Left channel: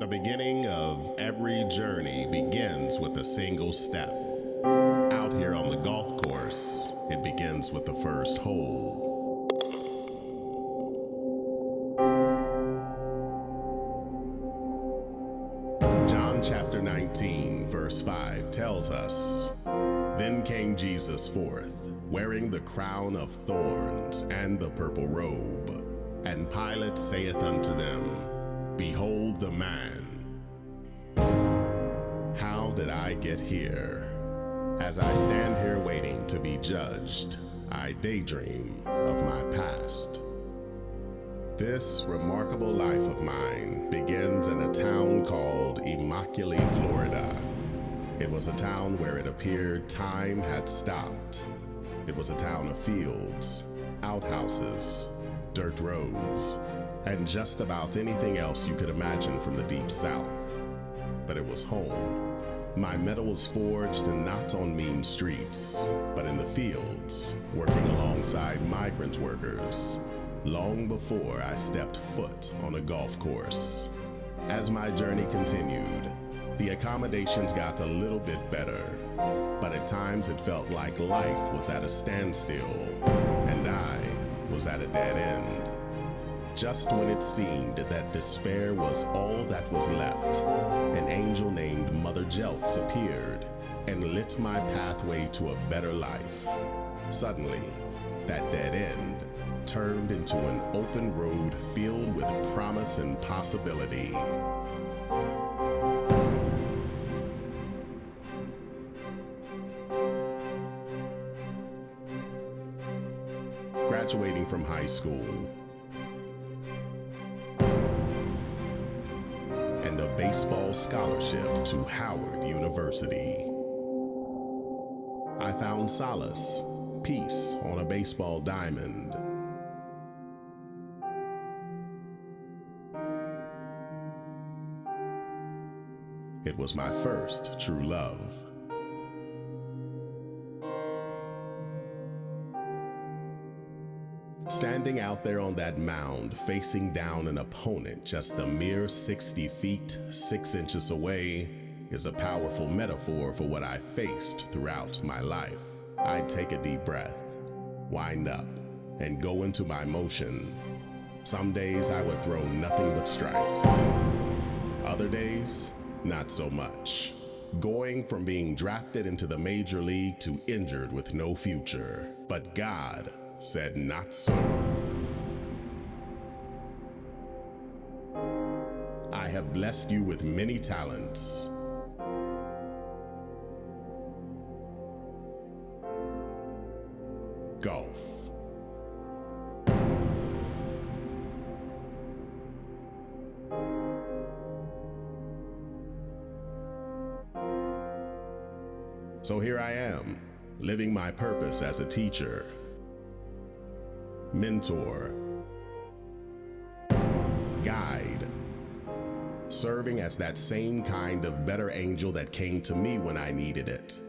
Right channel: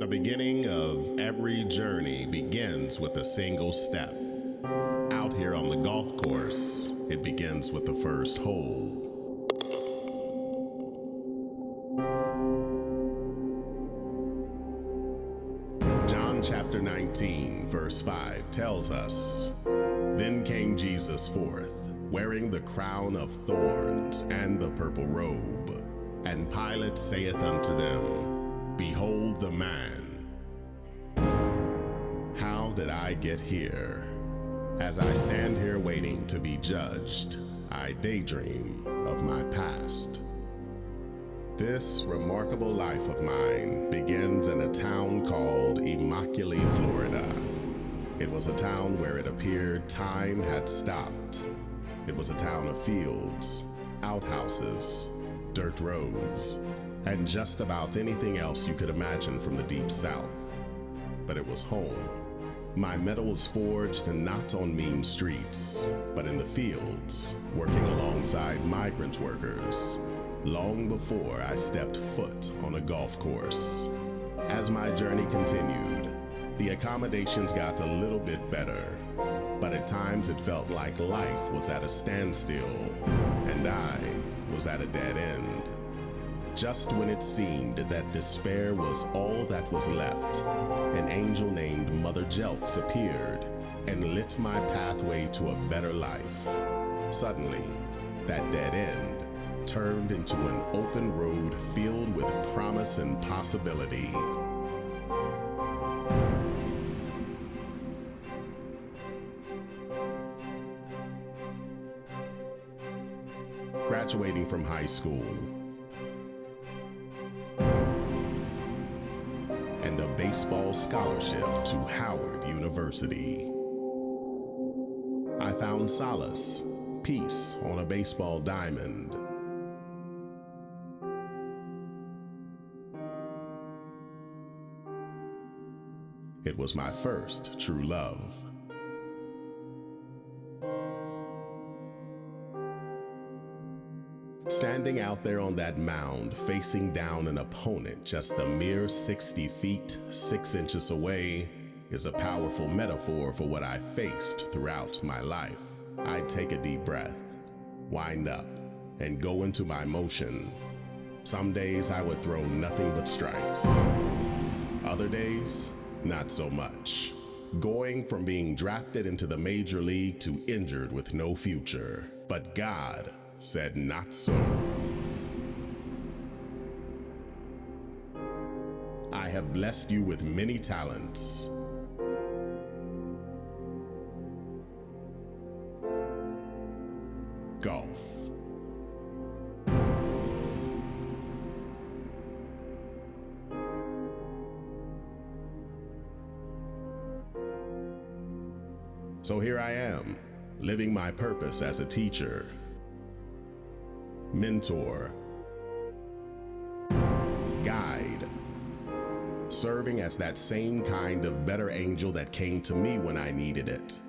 The beginning of every journey begins with a single step. Out here on the golf course, it begins with the first hole. John chapter 19, verse 5 tells us, "Then came Jesus forth, wearing the crown of thorns and the purple robe. And Pilate saith unto them, Behold the man. How did I get here? As I stand here waiting to be judged, I daydream of my past." This remarkable life of mine begins in a town called Immokalee, Florida. It was a town where it appeared time had stopped. It was a town of fields, outhouses, dirt roads, and just about anything else you could imagine from the deep south. But it was home. My metal was forged not on mean streets, but in the fields, working alongside migrant workers, long before I stepped foot on a golf course. As my journey continued, the accommodations got a little bit better, but at times it felt like life was at a standstill, and I was at a dead end. Just when it seemed that despair was all that was left, an angel named Mother Jeltz appeared and lit my pathway to a better life. Suddenly, that dead end turned into an open road filled with promise and possibility. Graduating from high school, and a baseball scholarship to Howard University. I found solace, peace on a baseball diamond. It was my first true love. Standing out there on that mound, facing down an opponent just a mere 60 feet, 6 inches away, is a powerful metaphor for what I faced throughout my life. I'd take a deep breath, wind up, and go into my motion. Some days I would throw nothing but strikes. Other days, not so much. Going from being drafted into the major league to injured with no future. But God said not so. I have blessed you with many talents. Golf. So here I am, living my purpose as a teacher, mentor, guide, serving as that same kind of better angel that came to me when I needed it.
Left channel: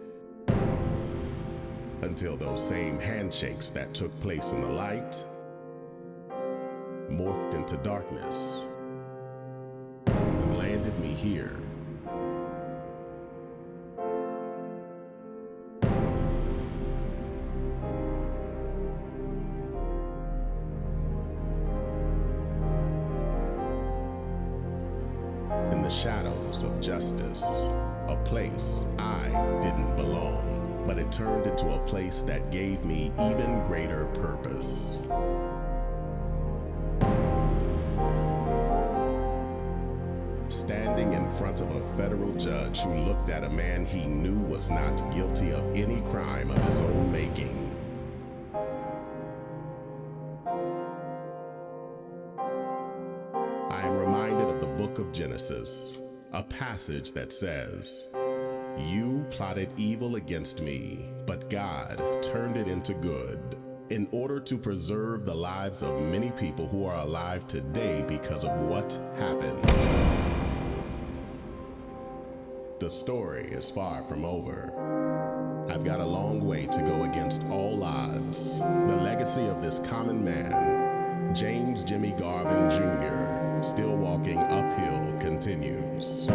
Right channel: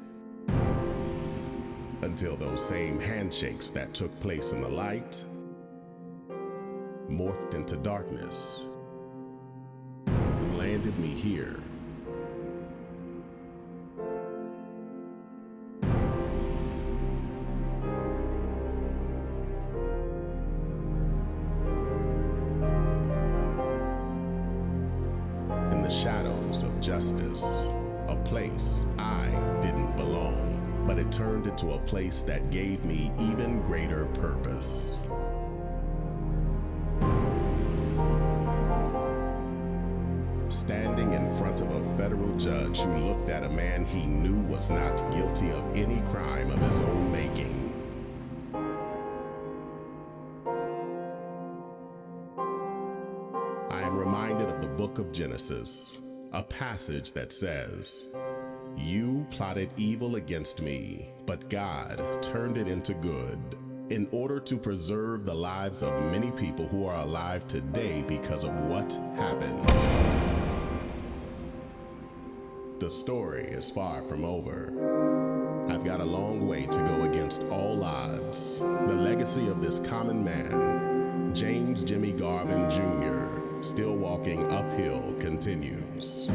Until those same handshakes that took place in the light morphed into darkness and landed me here. In the shadows of justice, a place I didn't belong, but it turned into a place that gave me even greater purpose. Standing in front of a federal judge who looked at a man he knew was not guilty of any crime of his own making. I am reminded of the book of Genesis, a passage that says, "You plotted evil against me, but God turned it into good, in order to preserve the lives of many people who are alive today because of what happened." The story is far from over. I've got a long way to go against all odds. The legacy of this common man, James Jimmy Garvin Jr., still walking uphill continues. continues.